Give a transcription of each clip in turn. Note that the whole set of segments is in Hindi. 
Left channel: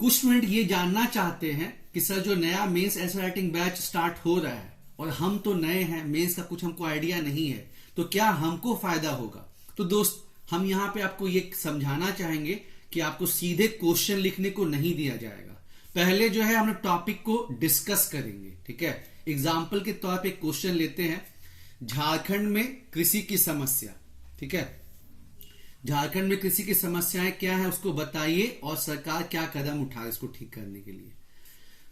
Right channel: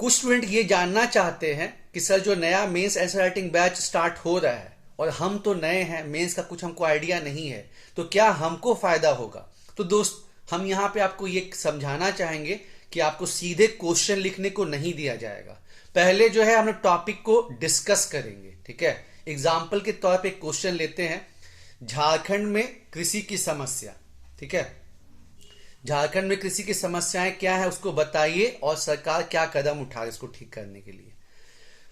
कुछ स्टूडेंट ये जानना चाहते हैं कि सर जो नया मेंस ऐसे राइटिंग बैच स्टार्ट हो रहा है और हम तो नए हैं, मेंस का कुछ हमको आइडिया नहीं है, तो क्या हमको फायदा होगा। तो दोस्त, हम यहाँ पे आपको ये समझाना चाहेंगे कि आपको सीधे क्वेश्चन लिखने को नहीं दिया जाएगा। पहले जो है हम लोग टॉपिक को डिस्कस करेंगे, ठीक है। एग्जाम्पल के तौर पे क्वेश्चन लेते हैं, झारखंड में कृषि की समस्या, ठीक है। झारखंड में कृषि की समस्याएं क्या है उसको बताइए और सरकार क्या कदम उठा इसको ठीक करने के लिए।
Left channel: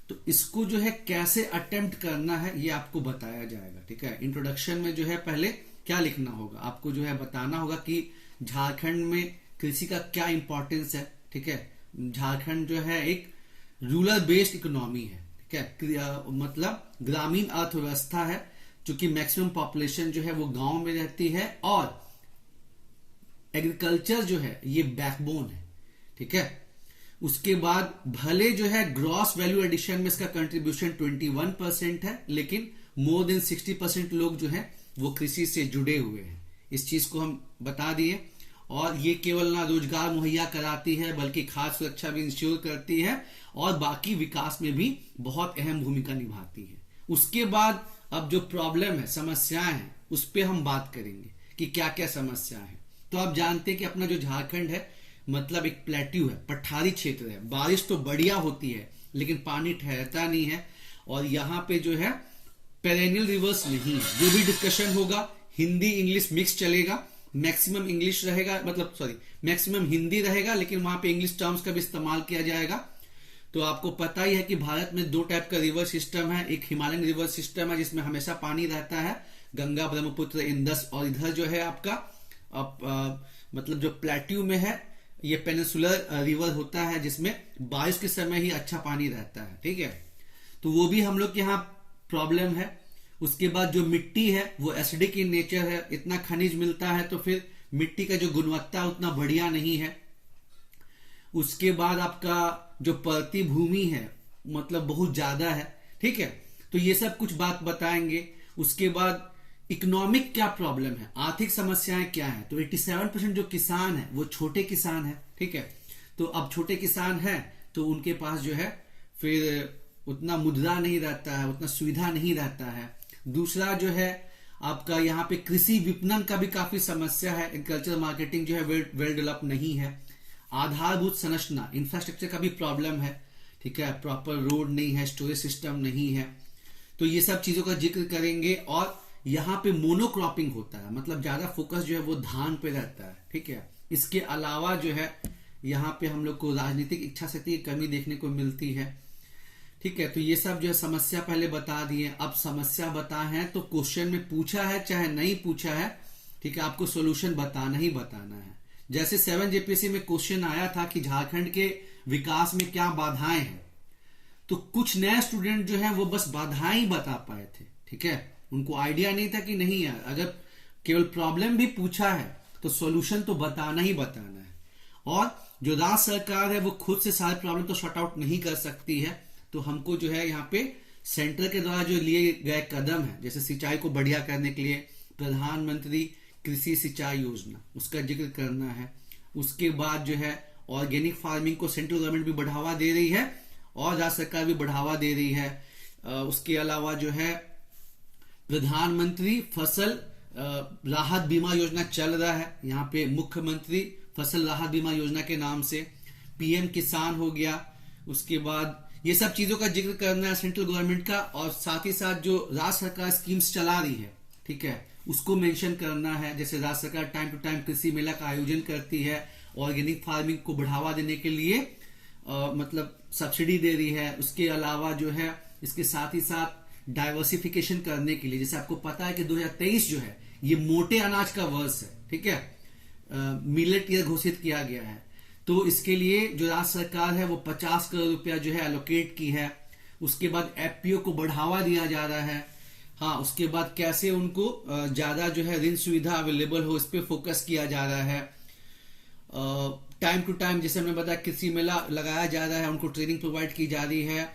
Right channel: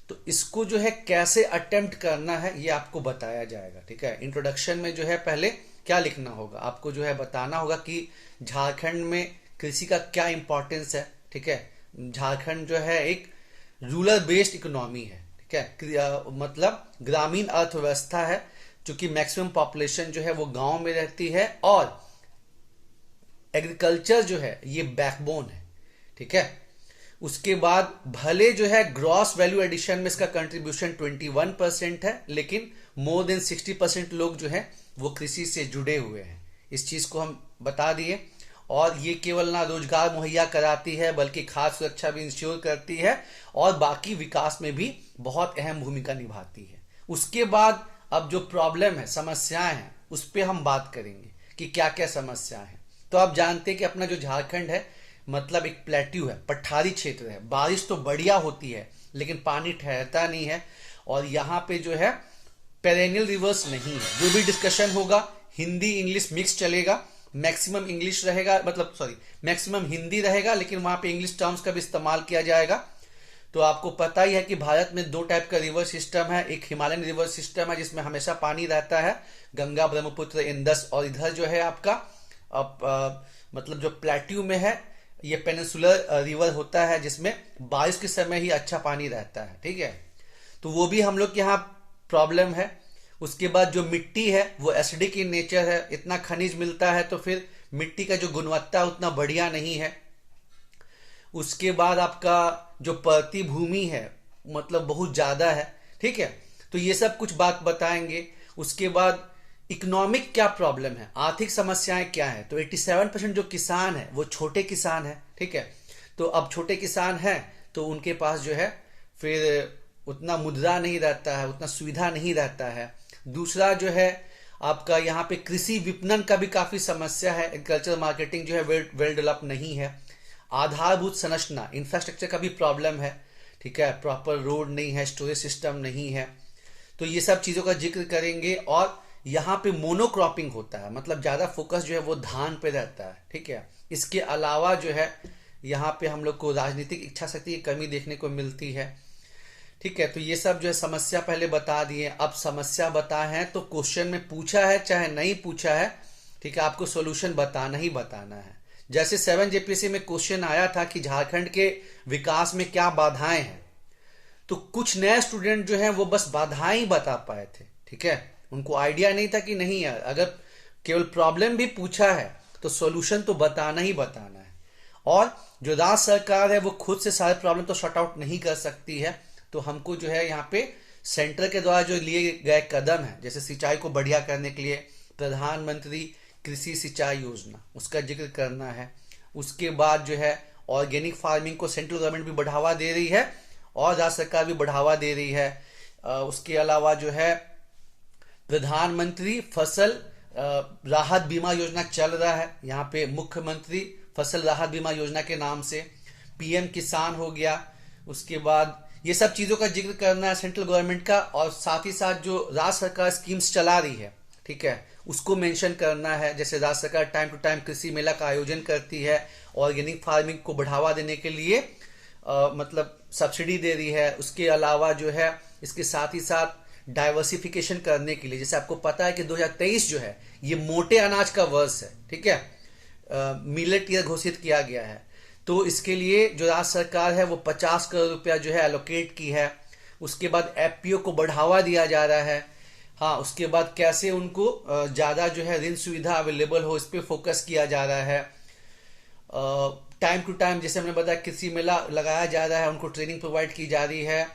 तो इसको जो है कैसे अटेम्प्ट करना है ये आपको बताया जाएगा, ठीक है। इंट्रोडक्शन में जो है पहले क्या लिखना होगा, आपको जो है बताना होगा कि झारखंड में कृषि का क्या इंपॉर्टेंस है, ठीक है। झारखंड जो है एक रूरल बेस्ड इकोनॉमी है, ठीक है। मतलब ग्रामीण अर्थव्यवस्था है, क्योंकि मैक्सिमम पॉपुलेशन जो है वो गांव में रहती है और एग्रीकल्चर जो है ये बैकबोन है, ठीक है। उसके बाद भले जो है ग्रॉस वैल्यू एडिशन में इसका कंट्रीब्यूशन 21% है, लेकिन मोर देन 60% लोग जो है वो कृषि से जुड़े हुए हैं। इस चीज को हम बता दिए। और ये केवल ना रोजगार मुहैया कराती है बल्कि खाद्य सुरक्षा भी इंश्योर करती है और बाकी विकास में भी बहुत अहम भूमिका निभाती है। उसके बाद अब जो प्रॉब्लम है, समस्याएं हैं, उस पर हम बात करेंगे कि क्या क्या समस्या है। तो आप जानते हैं कि अपना जो झारखंड है मतलब एक प्लेट्यू है, पठारी क्षेत्र है। बारिश तो बढ़िया होती है लेकिन पानी ठहरता नहीं है और यहाँ पे जो है पेरेनियल रिवर्स नहीं है। जो भी डिस्कशन होगा हिंदी इंग्लिश मिक्स चलेगा, मैक्सिमम इंग्लिश रहेगा, मतलब सॉरी मैक्सिमम हिंदी रहेगा, लेकिन वहां पे इंग्लिश टर्म्स का भी इस्तेमाल किया जाएगा। तो आपको पता ही है कि भारत में दो टाइप का रिवर सिस्टम है। एक हिमालयन रिवर सिस्टम है जिसमें हमेशा पानी रहता है, गंगा ब्रह्मपुत्र इंदस, और इधर जो है आपका मतलब जो प्लेट्यू में है ये पेनिनसुलर रिवर होता है जिसमें बारिश के समय ही अच्छा पानी रहता है, ठीक है। तो वो भी हम लोग के यहाँ प्रॉब्लम है। उसके बाद जो मिट्टी है वो एसिडिक इन नेचर है, इतना खनिज मिलता है तो फिर मिट्टी का जो गुणवत्ता उतना बढ़िया नहीं है। उसके बाद आपका जो परती भूमि है मतलब बहुत ज्यादा है, ठीक है। तो ये सब कुछ बात बताएंगे। उसके बाद इकोनॉमिक क्या प्रॉब्लम है, आर्थिक समस्याएं क्या है। तो 87% जो किसान है वो छोटे किसान है, ठीक है। तो अब छोटे किसान हैं तो उनके पास जो है फिर उतना मुद्रा नहीं रहता है, उतना सुविधा नहीं रहता है। दूसरा जो है आपका यहाँ पे कृषि विपणन का भी काफी समस्या है, एग्रीकल्चर मार्केटिंग जो है वेल डेवलप नहीं है। आधारभूत संरचना इंफ्रास्ट्रक्चर का भी प्रॉब्लम है, ठीक है। प्रॉपर रोड नहीं है, स्टोरेज सिस्टम नहीं है। तो ये सब चीजों का जिक्र करेंगे। और यहाँ पे मोनोक्रॉपिंग होता है, मतलब ज्यादा फोकस जो है वो धान पे रहता है, ठीक है। इसके अलावा जो है यहाँ पे हम लोग को राजनीतिक इच्छा शक्ति की कमी देखने को मिलती है, ठीक है। तो ये सब जो है समस्या पहले बता दिए। अब समस्या बताए हैं तो क्वेश्चन में पूछा है चाहे नहीं पूछा है, ठीक है, आपको सोल्यूशन बताना ही बताना है। जैसे 7 जेपीएससी में क्वेश्चन आया था कि झारखंड के विकास में क्या बाधाएं हैं, तो कुछ नए स्टूडेंट जो है वो बस बाधाएं ही बता पाए थे, ठीक है। उनको आइडिया नहीं था कि नहीं यार, अगर केवल प्रॉब्लम भी पूछा है तो सॉल्यूशन तो बताना ही बताना है। और जो राज्य सरकार है वो खुद से सारे प्रॉब्लम तो शॉर्ट आउट नहीं कर सकती है, तो हमको जो है यहाँ पे सेंटर के द्वारा जो लिए गए कदम है, जैसे सिंचाई को बढ़िया करने के लिए प्रधानमंत्री कृषि सिंचाई योजना, उसका जिक्र करना है। उसके बाद जो है ऑर्गेनिक फार्मिंग को सेंट्रल गवर्नमेंट भी बढ़ावा दे रही है और राज्य सरकार भी बढ़ावा दे रही है। उसके अलावा जो है प्रधानमंत्री फसल राहत बीमा योजना चल रहा है, यहाँ पे मुख्यमंत्री फसल राहत बीमा योजना के नाम से। पीएम किसान हो गया। उसके बाद ये सब चीजों का जिक्र करना है सेंट्रल गवर्नमेंट का, और साथ ही साथ जो राज्य सरकार स्कीम्स चला रही है, ठीक है, उसको मेंशन करना है। जैसे राज्य सरकार टाइम टू टाइम कृषि मेला का आयोजन करती है, ऑर्गेनिक फार्मिंग को बढ़ावा देने के लिए मतलब सब्सिडी दे रही है। उसके अलावा जो है इसके साथ ही साथ डाइवर्सिफिकेशन करने के लिए, जैसे आपको पता है कि 2023 जो है ये मोटे अनाज का वर्ष है, ठीक है, मिलेट ईयर घोषित किया गया है। तो इसके लिए जो राज्य सरकार है वो 50 करोड़ रुपया जो है एलोकेट की है। उसके बाद एफपीओ को बढ़ावा दिया जा रहा है। हाँ, उसके बाद कैसे उनको ज्यादा जो है ऋण सुविधा अवेलेबल हो, इस पे फोकस किया जा रहा है। टाइम टू टाइम जैसे हमने बताया कृषि मेला लगाया जा रहा है, उनको ट्रेनिंग प्रोवाइड की जा रही है।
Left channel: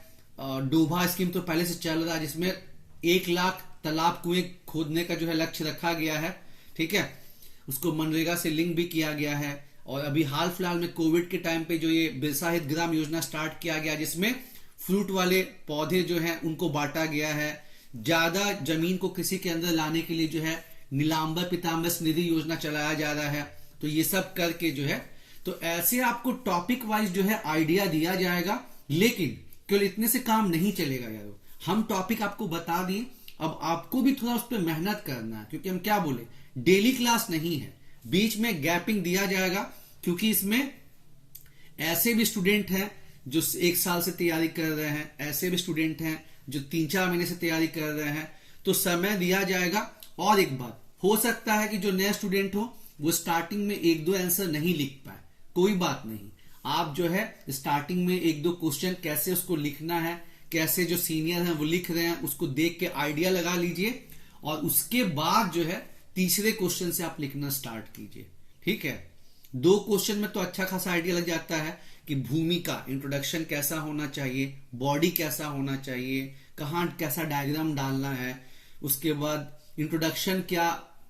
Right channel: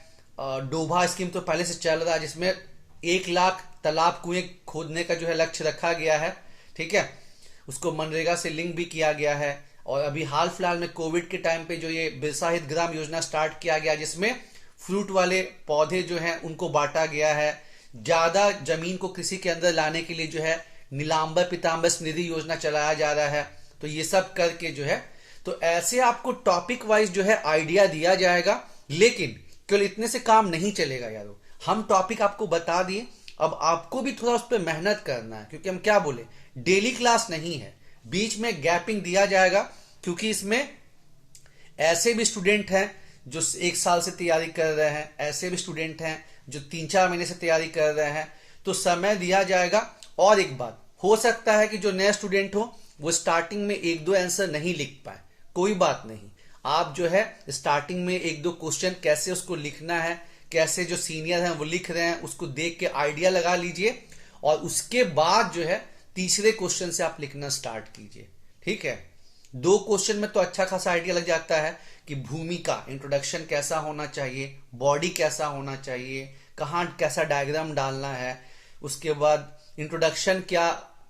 डोभा स्कीम तो पहले से चल रहा है जिसमें 1 लाख तालाब कुएं खोदने का जो है लक्ष्य रखा गया है, ठीक है। उसको मनरेगा से लिंक भी किया गया है। और अभी हाल फिलहाल में कोविड के टाइम पे जो ये बिरसा हित ग्राम योजना स्टार्ट किया गया, जिसमें फ्रूट वाले पौधे जो हैं उनको बांटा गया है। ज्यादा जमीन को कृषि के अंदर लाने के लिए जो है नीलांबर पीतांबर स्मृति योजना चलाया जा रहा है। तो ये सब करके जो है, तो ऐसे आपको टॉपिक वाइज जो है आइडिया दिया जाएगा। लेकिन केवल इतने से काम नहीं चलेगा यारो, हम टॉपिक आपको बता दिए, अब आपको भी थोड़ा उस पर मेहनत करना है, क्योंकि हम क्या बोले, डेली क्लास नहीं है, बीच में गैपिंग दिया जाएगा, क्योंकि इसमें ऐसे भी स्टूडेंट हैं जो 1 साल से तैयारी कर रहे हैं, ऐसे भी स्टूडेंट हैं जो 3-4 महीने से तैयारी कर रहे हैं, तो समय दिया जाएगा। और एक बात, हो सकता है कि जो नए स्टूडेंट हो वो स्टार्टिंग में 1-2 आंसर नहीं लिख पाए, कोई बात नहीं, आप जो है स्टार्टिंग में 1-2 क्वेश्चन कैसे उसको लिखना है, कैसे जो सीनियर हैं वो लिख रहे हैं उसको देख के आइडिया लगा लीजिए, और उसके बाद जो है तीसरे क्वेश्चन से आप लिखना स्टार्ट कीजिए। ठीक है, 2 क्वेश्चन में तो अच्छा खासा आइडिया लग जाता है कि भूमिका, इंट्रोडक्शन कैसा होना चाहिए, बॉडी कैसा होना चाहिए, कहाँ कैसा डायग्राम डालना है, उसके बाद इंट्रोडक्शन क्या,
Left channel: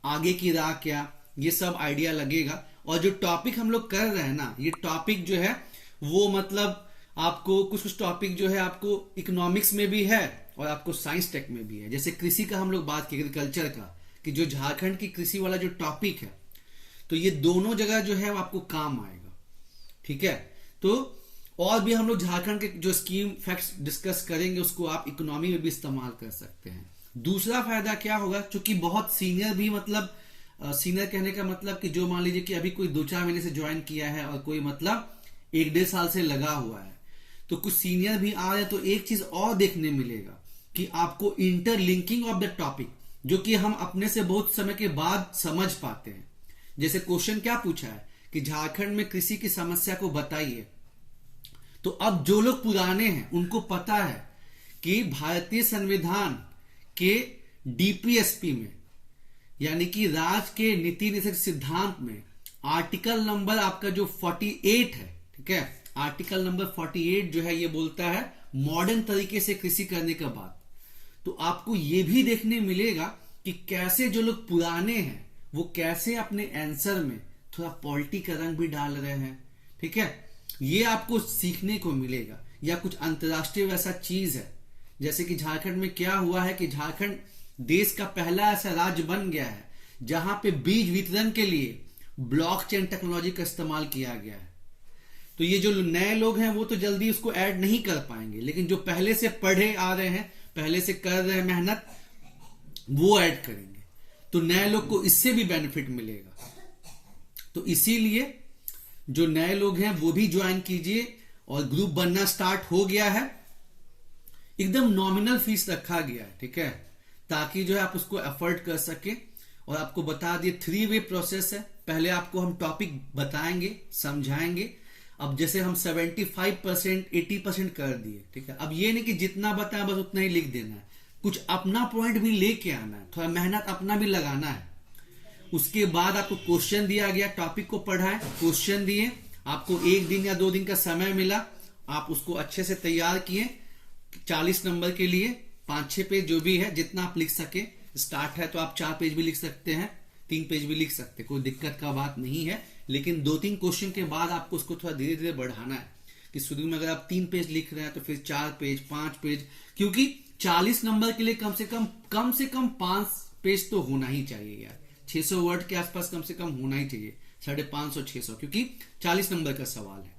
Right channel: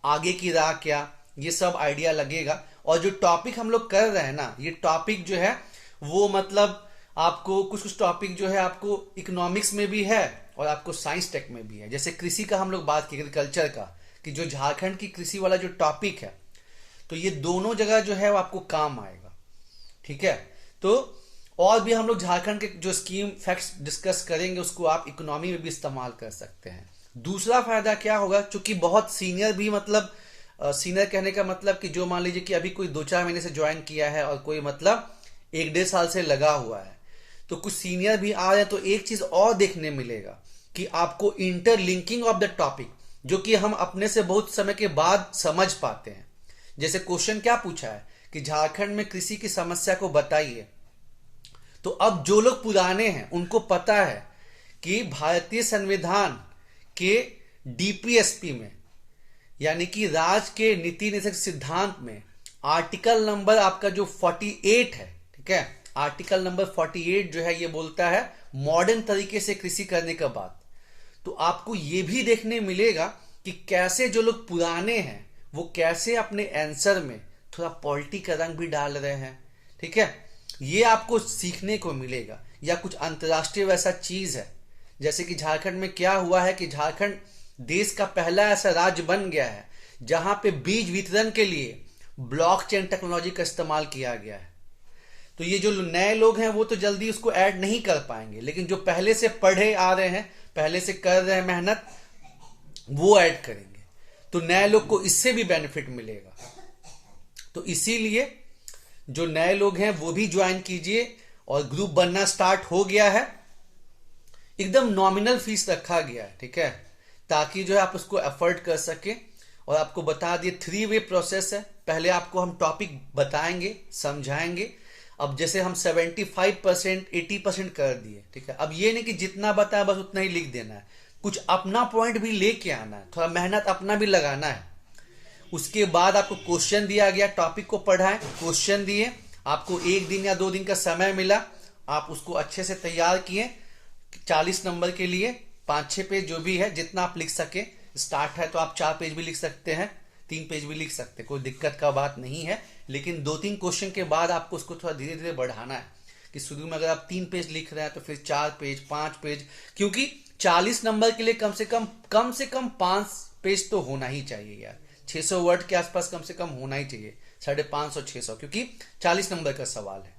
आगे की राह क्या, ये सब आइडिया लगेगा। और जो टॉपिक हम लोग कर रहे हैं ना, ये टॉपिक जो है वो मतलब आपको कुछ टॉपिक जो है आपको इकोनॉमिक्स में भी है और आपको साइंस टेक में भी है। जैसे कृषि का हम लोग बात की, एग्रीकल्चर का, कि जो झारखंड की कृषि वाला जो टॉपिक है, तो ये दोनों जगह जो है वो आपको काम आएगा। ठीक है, तो और भी हम लोग झारखंड के जो स्कीम फैक्ट्स डिस्कस करेंगे उसको आप इकोनॉमी में भी इस्तेमाल कर सकते हैं। दूसरा फायदा क्या होगा, चूंकि बहुत सीनियर भी, मतलब सीनियर कहने का मतलब कि जो मान लीजिए कि अभी कोई 2-4 महीने से ज्वाइन किया है और कोई मतलब 1-1.5 साल से लगा हुआ है, तो कुछ सीनियर भी आ रहे हैं, तो एक चीज और देखने मिलेगा कि आपको इंटरलिंकिंग ऑफ द टॉपिक, जो कि हम अपने से बहुत समय के बाद समझ पाते हैं। जैसे क्वेश्चन क्या पूछा है कि झारखंड में कृषि की समस्या को बताइए, तो अब जो लोग पुराने हैं उनको पता है कि भारतीय संविधान के डीपीएसपी में, यानी कि राज्य के नीति निर्देशक सिद्धांत में, आर्टिकल नंबर आपका जो 48 है, ठीक है, आर्टिकल नंबर 48 जो है ये बोलता है मॉडर्न तरीके से कृषि करने का बात। तो आपको ये भी देखने मिलेगा कि कैसे जो लोग पुराने हैं वो कैसे अपने आंसर में थोड़ा पॉलिटी का रंग भी डाल रहे हैं। ठीक है, ये आपको सीखने को मिलेगा। या कुछ अंतर्राष्ट्रीय वैसा चीज है, जैसे कि झारखंड में क्या हुआ है कि झारखंड देश का पहला ऐसा राज्य बन गया है जहां पे बीज वितरण के लिए ब्लॉकचेन टेक्नोलॉजी का इस्तेमाल किया गया है। तो ये जो नए लोग हैं वो तो जल्दी उसको ऐड नहीं कर पाएंगे, लेकिन जो पहले से पढ़े आ रहे हैं, पहले से कर रहे हैं मेहनत, वो ऐड करेंगे, तो नए लोग को इससे भी बेनिफिट मिलेगा। तो इसीलिए जो नए लोग हैं वो भी ज्वाइन कीजिए, और ग्रुप बनना स्टार्ट हो गया है, एकदम नॉमिनल फीस रखा गया है। ठीक है, ताकि जो है आप उसको अफोर्ड कर सके। और आपको बता दिए 3 वे प्रोसेस है, पहले आपको हम टॉपिक बताएंगे, समझाएंगे। अब जैसे हम 75% 80% कर दिए, ठीक है, अब ये नहीं कि जितना बताया बस उतना ही लिख देना है, कुछ अपना पॉइंट भी लेके आना है, थोड़ा मेहनत अपना भी लगाना है। उसके बाद आपको क्वेश्चन दिया गया, टॉपिक को पढ़ाएं, क्वेश्चन दिए, आपको 1 दिन या 2 दिन का समय मिला, आप उसको अच्छे से तैयार किए 40 नंबर के लिए, 5-6 पेज जो भी है जितना आप लिख सके। स्टार्ट है तो आप 4 पेज भी लिख सकते हैं, 3 पेज भी लिख सकते हैं, कोई दिक्कत का बात नहीं है। लेकिन 2-3 क्वेश्चन के बाद आपको उसको थोड़ा धीरे धीरे बढ़ाना है, कि शुरू में अगर आप 3 पेज लिख रहे हैं तो फिर 4 पेज 5 पेज, क्योंकि 40 नंबर के लिए कम से कम 5 पेज तो होना ही चाहिए यार, 600 वर्ड के आसपास कम से कम होना ही चाहिए, 550-600, क्योंकि 40 नंबर का सवाल है।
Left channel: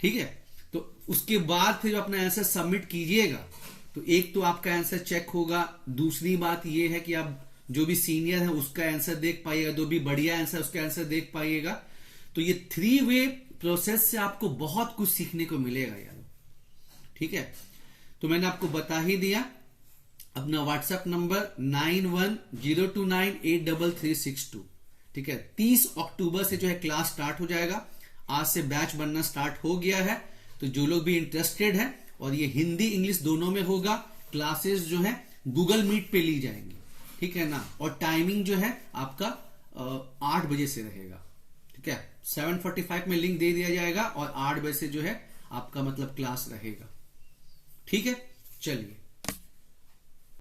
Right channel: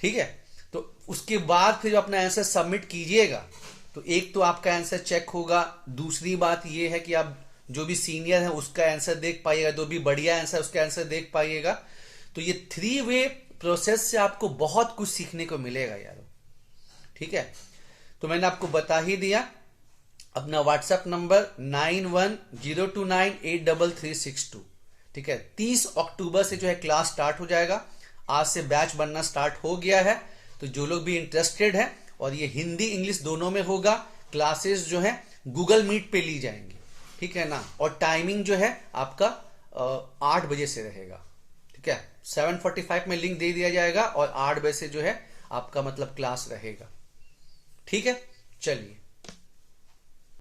ठीक है, तो उसके बाद फिर अपना आंसर सबमिट कीजिएगा, तो एक तो आपका आंसर चेक होगा, दूसरी बात यह है कि आप जो भी सीनियर है उसका आंसर देख पाइएगा, जो भी बढ़िया आंसर उसका आंसर देख पाइएगा। तो ये 3 वे प्रोसेस से आपको बहुत कुछ सीखने को मिलेगा यार। ठीक है, तो मैंने आपको बता ही दिया। अपना व्हाट्सएप नंबर 9102983362। ठीक है, 30 अक्टूबर से जो है क्लास स्टार्ट हो जाएगा, आज से बैच बनना स्टार्ट हो गया है। तो जो लोग भी इंटरेस्टेड है, और ये हिंदी इंग्लिश दोनों में होगा, क्लासेस जो है गूगल मीट पे ली जाएंगी। ठीक है ना, और टाइमिंग जो है आपका 8 बजे से रहेगा। ठीक है, 7:45 में लिंक दे दिया जाएगा और 8 बजे से जो है आपका मतलब क्लास रहेगा। ठीक है, चलिए।